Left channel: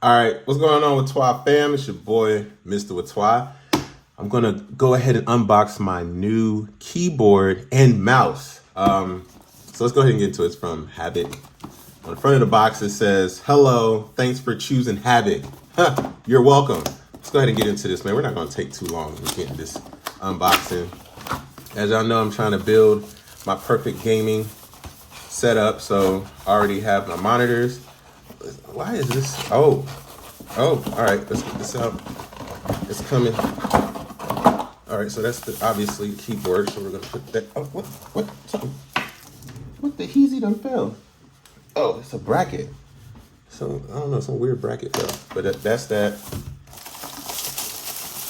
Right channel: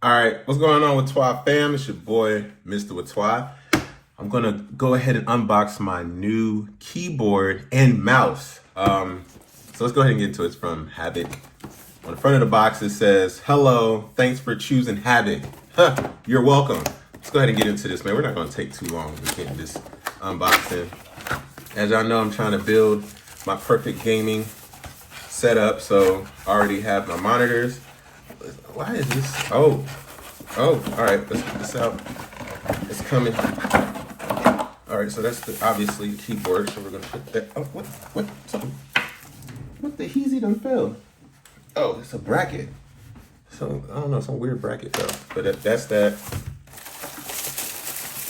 All right, what's going on with Twi fam? It's your boy, Mr. with Twi. I'm gonna go ahead and unbox my new keyboard and mouse. So let's go ahead and get into it. It's from Havoc. On the front of the box, it says, "Hello, thanks for choosing Havoc." Huh, you're welcome. Let's go ahead and get into this, man. We're not gonna take too long to get this unboxing. As y'all know, I'm trying to build my perfect gaming setup, so I already have my monitors. Why is this? Oh, all right. Let's get this out. It's coming. All right, so that's obviously the keyboard. So we're gonna put that. Oh, what? Something. What the heezy done fell? Oh, it's a bracket. So I don't know, some weird bracket fell. But that's that.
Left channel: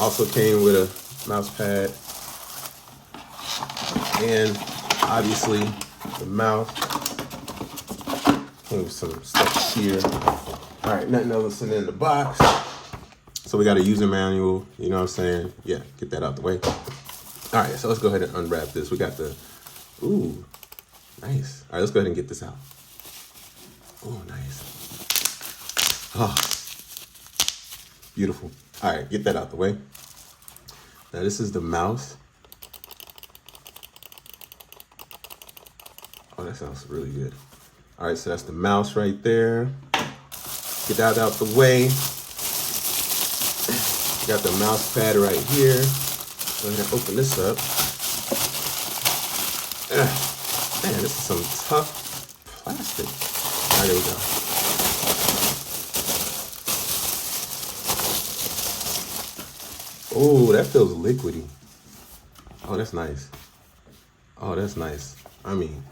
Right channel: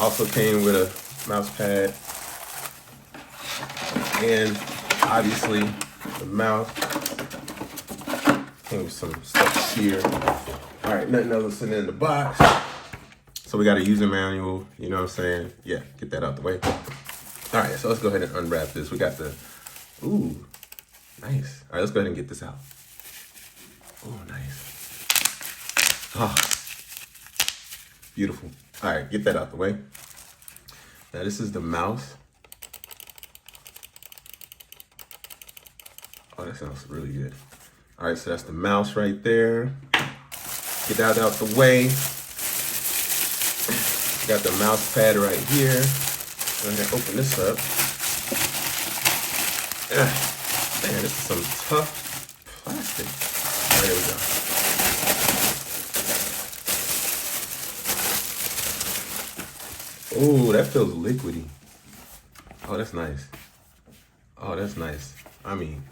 Also came with a mouse pad and obviously the mouse. Came with some stuff here. All right, nothing else in the box. So we got a user manual, you know what I'm saying? Yeah, get that out the way. All right, so let's go ahead and unwrap this. We got the, ooh, nice. All right, let's go ahead and get this out. Ooh, nice. Oh, beautiful. All right, get that out the way. Now this is the mouse. Oh, that sounds really good. All right, so that's the mouse right there. Get that out the way. Got the mouse pad right here. I'm gonna open this up. Man, this is some tough plastic. All right, here we go. Oh, that feels liquidy. Oh, that's nice. Oh, that's nice. I mean,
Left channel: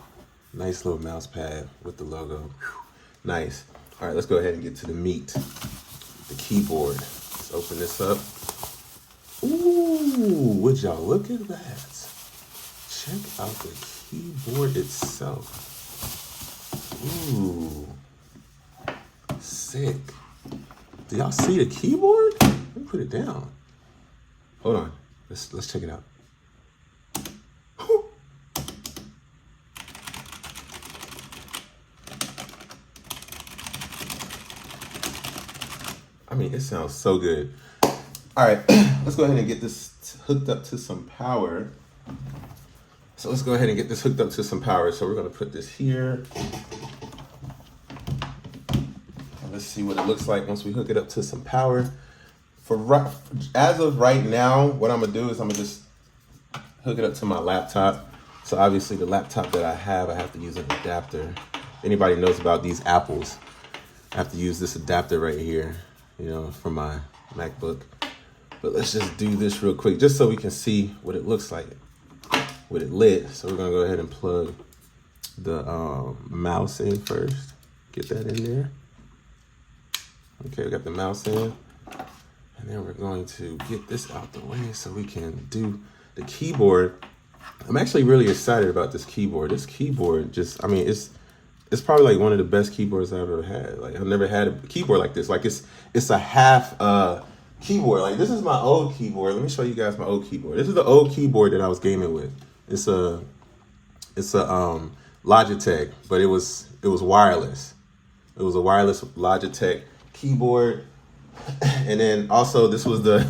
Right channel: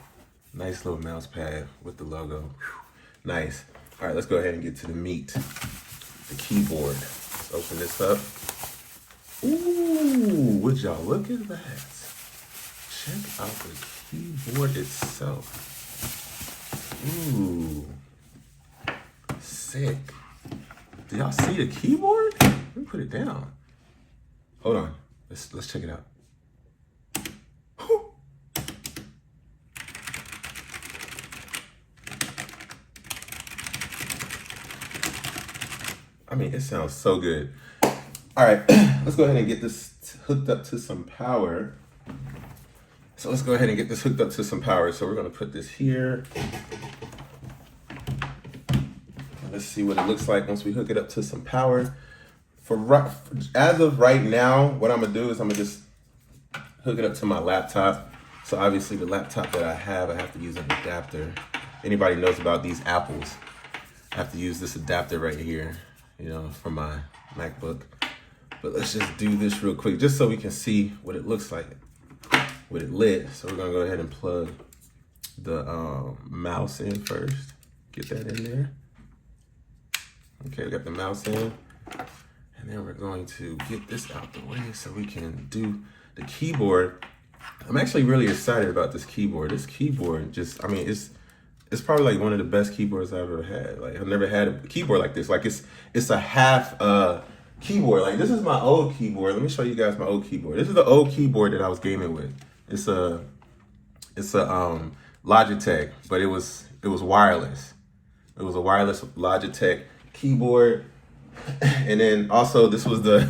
nice little mouse pad with the logo. Whew. Nice. All right, let's go ahead and get to the meat. The keyboard. Let's open this up. Ooh, would y'all look at that? Check out the keyboard itself. Ooh, sick. Do y'all see the keyboard? Let me put it down. Hold on, let's check it out. I mean, it sounds so good. All right, let's go ahead and get this hooked up to some power. So let's go ahead and get this hooked up to some power. So we're gonna put this here. And let's see what it looks like once we hook it up to some power. As of right now, what I'm gonna do is I'm gonna just hook it up to my laptop. So obviously the laptop that I have to use an adapter. Anybody knows about these Apples, I have to use this adapter right here, you know, for my MacBook. But let's just do this real quick, just so we can see what it looks like with it lit. So we're gonna go ahead and plug the mouse in first. Get that in there. Okay, we got the mouse in. And then we're going to get this out the way so we can do the keyboard. I'm actually really excited about this keyboard. This keyboard just, I mean, it's probably like one of the best keyboards I've ever had. Like I've never had a keyboard like this. Like it's a half keyboard. Like this is my old keyboard. Let me show you guys my old keyboard. This is the old keyboard that I was gaming with. It's a Logitech, but it was wireless. It was a wireless Logitech keyboard. And then also this was the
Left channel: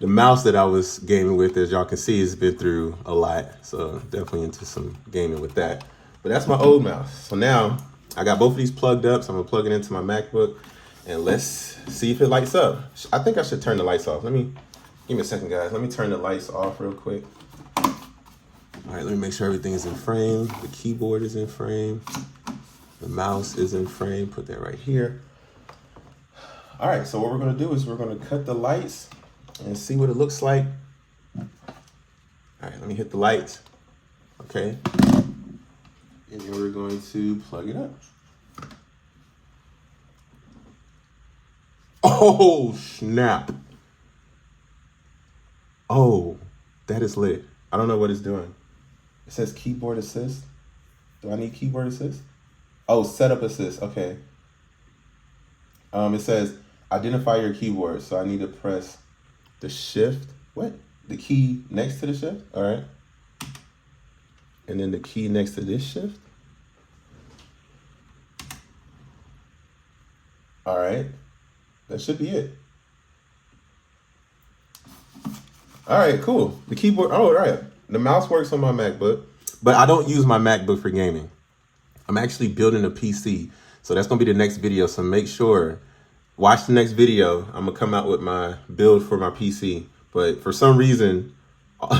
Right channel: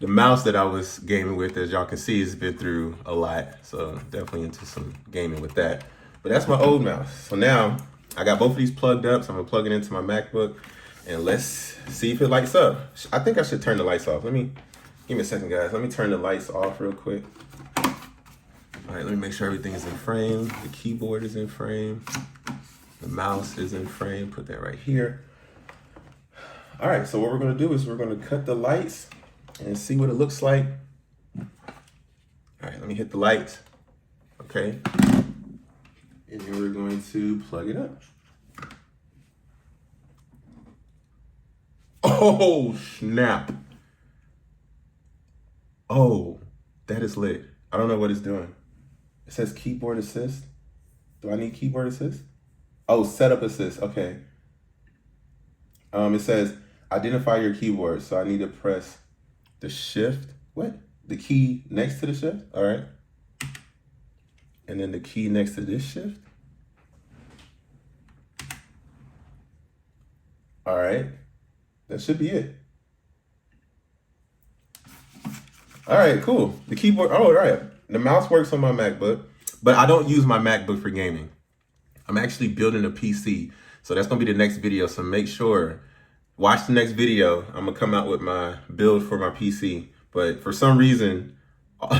mouse that I was gaming with. As y'all can see, it's been through a lot. So definitely into some gaming with that. But that's my old mouse. So now I got both of these plugged up. So I'm gonna plug it into my MacBook and let's see if it lights up. I think I should turn the lights off. Give me a second, guys. Let me turn the lights off real quick. All right, let me make sure everything is in frame. The keyboard is in frame. The mouse is in frame. Put that right here. All right, so what we're gonna do is we're gonna cut the lights and see what it looks like. All right, let me hit the lights. Okay. And then we're going to plug it up. Oh, snap. Oh, that is lit. I don't know what it's doing. It says keyboard assist. Do I need keyboard assist? Oh, setup assist. Okay. It says identify your keyboard. So I need to press the shift. What? The key next to the shift? All right. And then the key next to this shift. All right. that should be it. All right, cool. The keyboard, oh, all right. The mouse works on my MacBook, but I don't use my MacBook for gaming. I'm actually building a PC. So that's going to be the next video. So make sure, watch the next video. I'm going to come out with my build for my PC. But for some reason,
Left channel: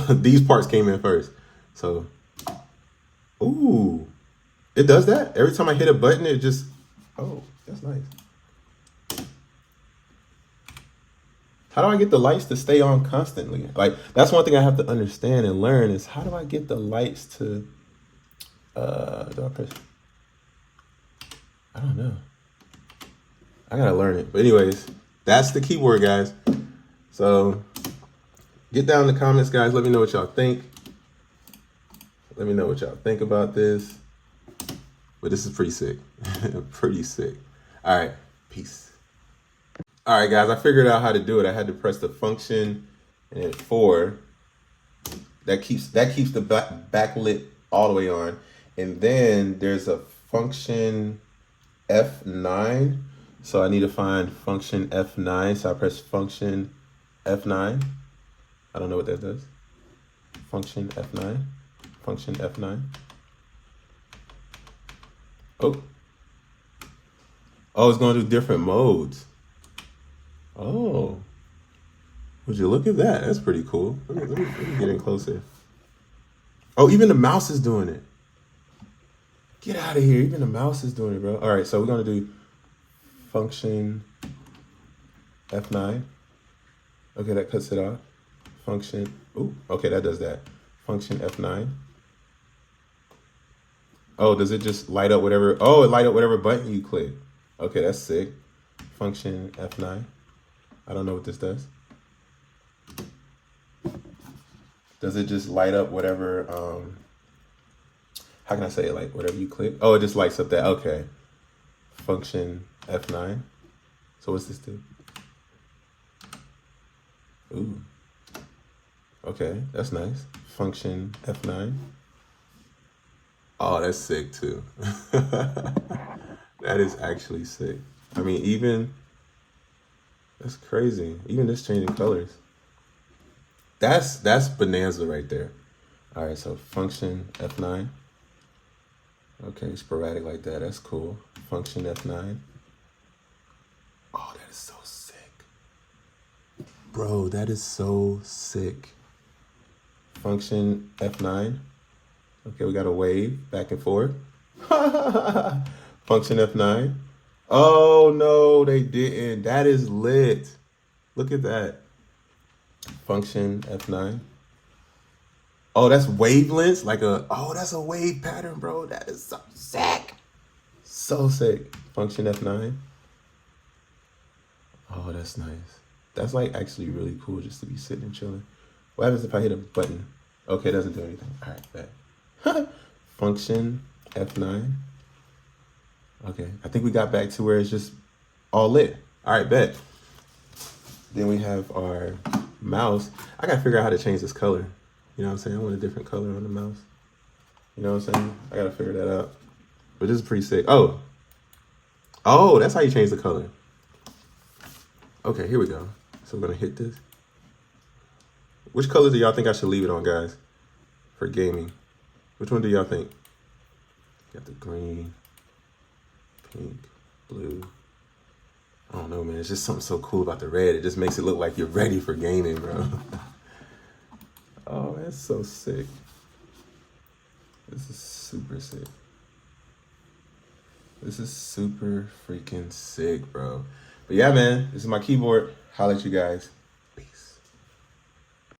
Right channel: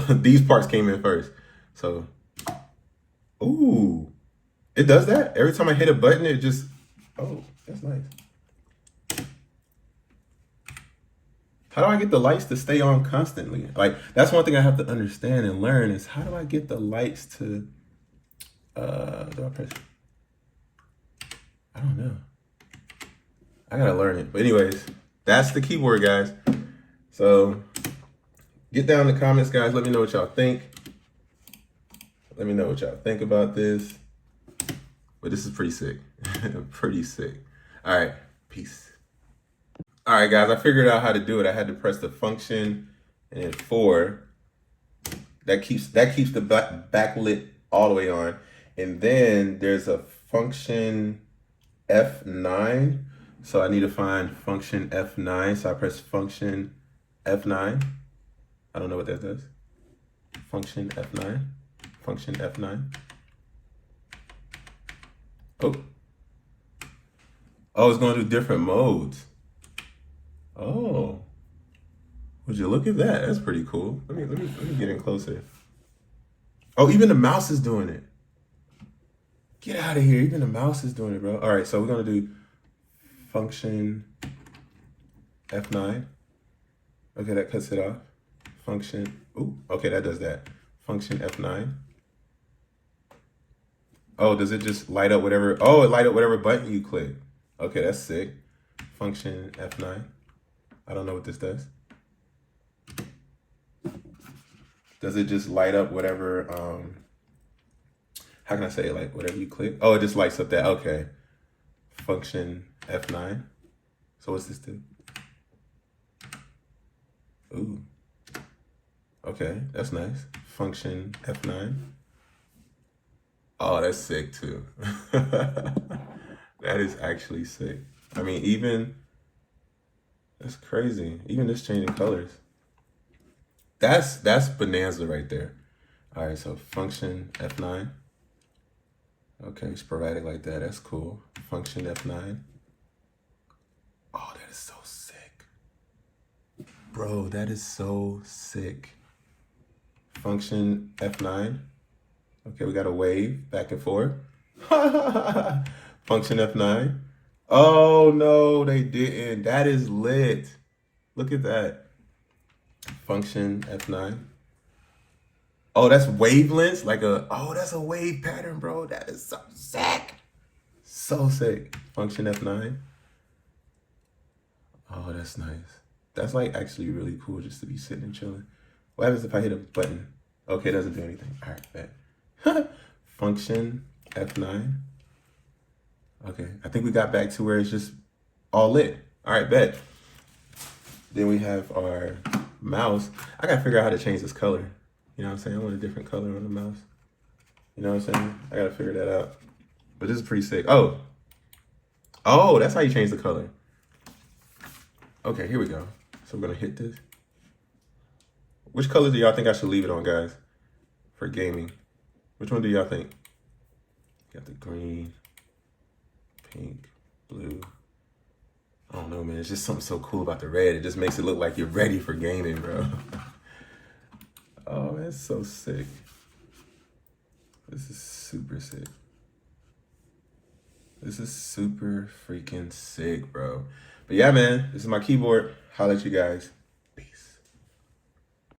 these parts came in first. So, ooh, it does that? Every time I hit a button, it just, oh, that's nice. How do I get the lights to stay on constantly? Like, that's one thing I have to understand and learn is how do I get the lights to, do I press? I don't know. I gotta learn it. But anyways, that's the keyboard, guys. So get down in the comments, guys. Let me know what y'all think. Let me know what y'all think about this. But this is pretty sick. Pretty sick. All right, peace. All right, guys, I figured out how to do it. I had to press the function and then 4. That keeps the backlit all the way on. And then there's a function F9. So I need to find function F9. So I press function F9. I don't know what that does. Function F9. Function F9. Oh. Oh, it's going to do different modes. Oh. Would you look at that? That's pretty cool. Let me get in closer. Oh, even the mouse is doing it. Get out of here. Even the mouse is doing it, bro. All right, so we're going to do function F9. Okay, that cuts it off. Function, ooh, okay, that does that. Function F9. Oh, does it just light up whatever? Oh, it light up whatever button you click. Okay, that's sick. Function F9. I don't know what this does. Does it just light up whatever, how can I say it? Like whatever you click? Oh, it just lights up that, okay. Function F9. So what's this do? Ooh. Okay, that's nice. Function F9. Oh, that's sick too. That is actually sick. I mean, even, that's crazy. Even this changing colors. That's bonanza right there. All right, so function F9. Okay, sporadic like that. That's cool. Function F9. Oh, that is so sick. Bro, that is so sick. Function F9. Okay, we got a wave back and forth. Function F9. Oh, no, they didn't. That is lit. Look at that. Function F9. Oh, that's wavelengths? Like oh, that's a wave pattern, bro. That is so sick. So sick. Function F9. Oh, that's nice. That's like actually really cool just to be sitting and chilling. What happens if I hit a button? Okay, it doesn't do anything. All right, bet. Function F9. Okay, I think we got back to where it's just all lit. All right, bet. Then we have our mouse. I gotta figure out how to change this color. You know what I'm saying? I want a different color on the mouse. You know what I'm saying? I gotta figure that out. But this is pretty sick. Oh, that's how you change the color. Okay, here we go. So we're gonna hit this. Which color do y'all think I should leave it on, guys? For gaming. Which one do y'all think? Got the green, pink, blue. I don't know, man. It's just something so cool about the red. It just makes it look like you're ready for gaming, bro. Oh, that's so sick. This is super sick. This is super freaking sick, bro. But yeah, man, this is my keyboard. Holla at you guys.